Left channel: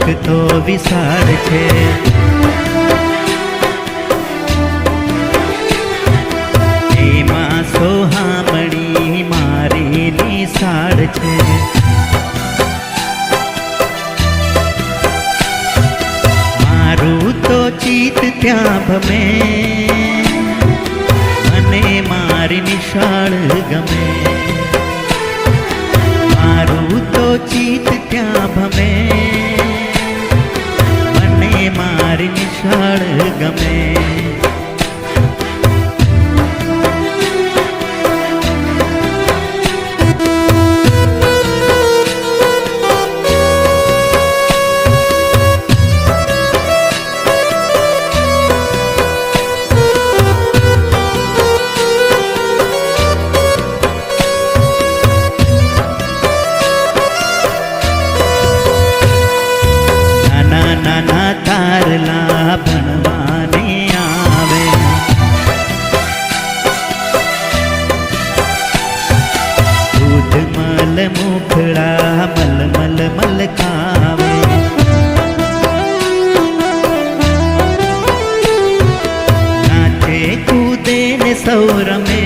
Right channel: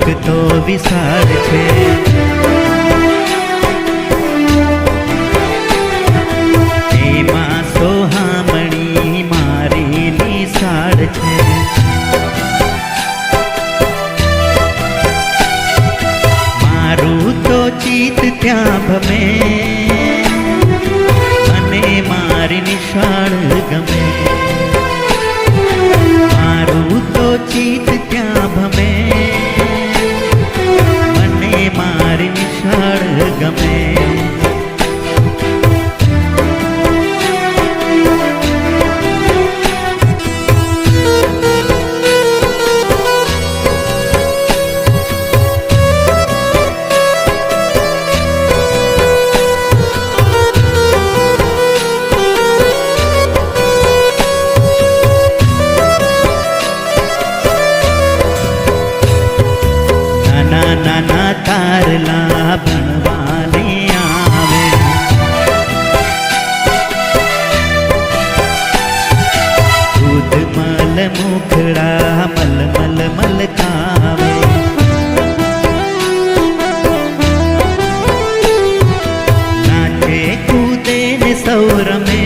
ચોક તો વિશાળ છે, એમાં સોહામણી મારી નિશાળ છે। મારું તો ચિત્ત ત્યાં ભમે, મને મારી નિશાળ ગમે। મારું તો ચિત્ત ત્યાં ભમે, મને મારી નિશાળ ગમે। નાના તારલા ભણવાને આવે, દૂધ મલ મુખડા મલ મલ મલકાવે। નાચે કૂદે ને સૌ રમે,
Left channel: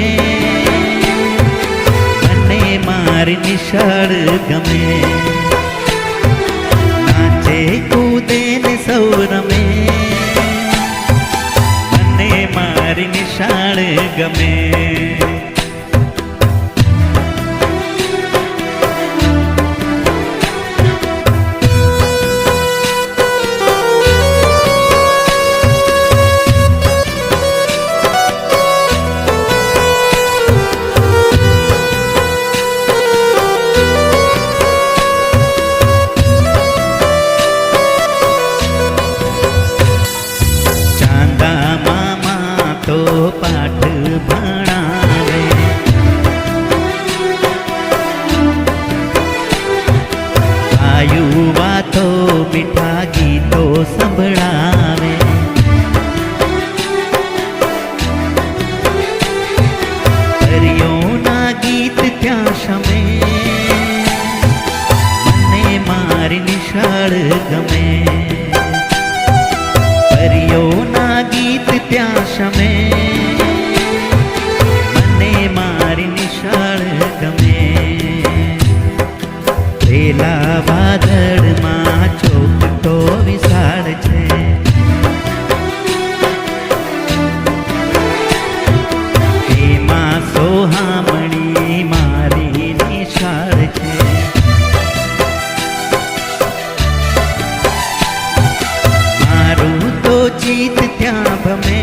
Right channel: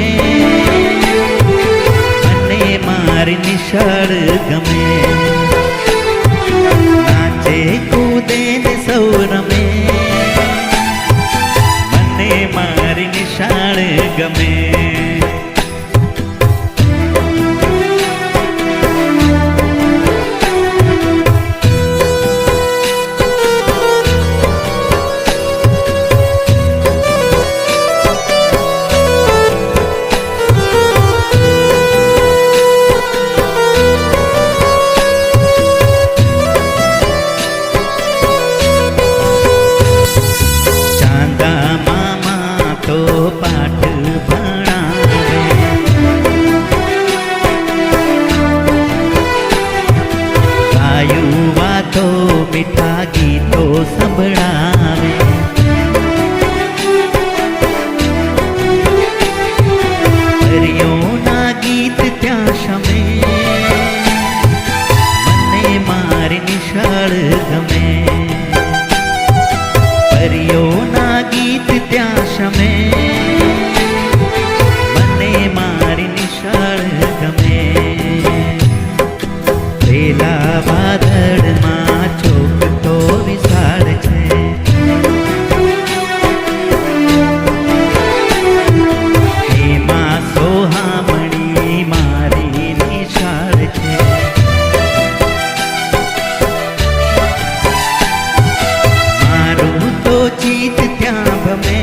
મને મારી નિશાળ ગમે। કૂદે ને સૌ રમે, મને મારી નિશાળ ગમે। મામા તો પાઠ ભણાવે, ગાયું વાતો મીઠા ગીતો સંભળાવે। પરીઓના ગીત ત્યાં શમે, મને મારી નિશાળ ગમે। પરીઓના ગીત ત્યાં શમે, મને મારી નિશાળ ગમે। પેલા વાદળમાં ચોક તો વિશાળ છે, એમાં સોહામણી મારી નિશાળ છે। મારું તો ચિત્ત ત્યાં ભમે,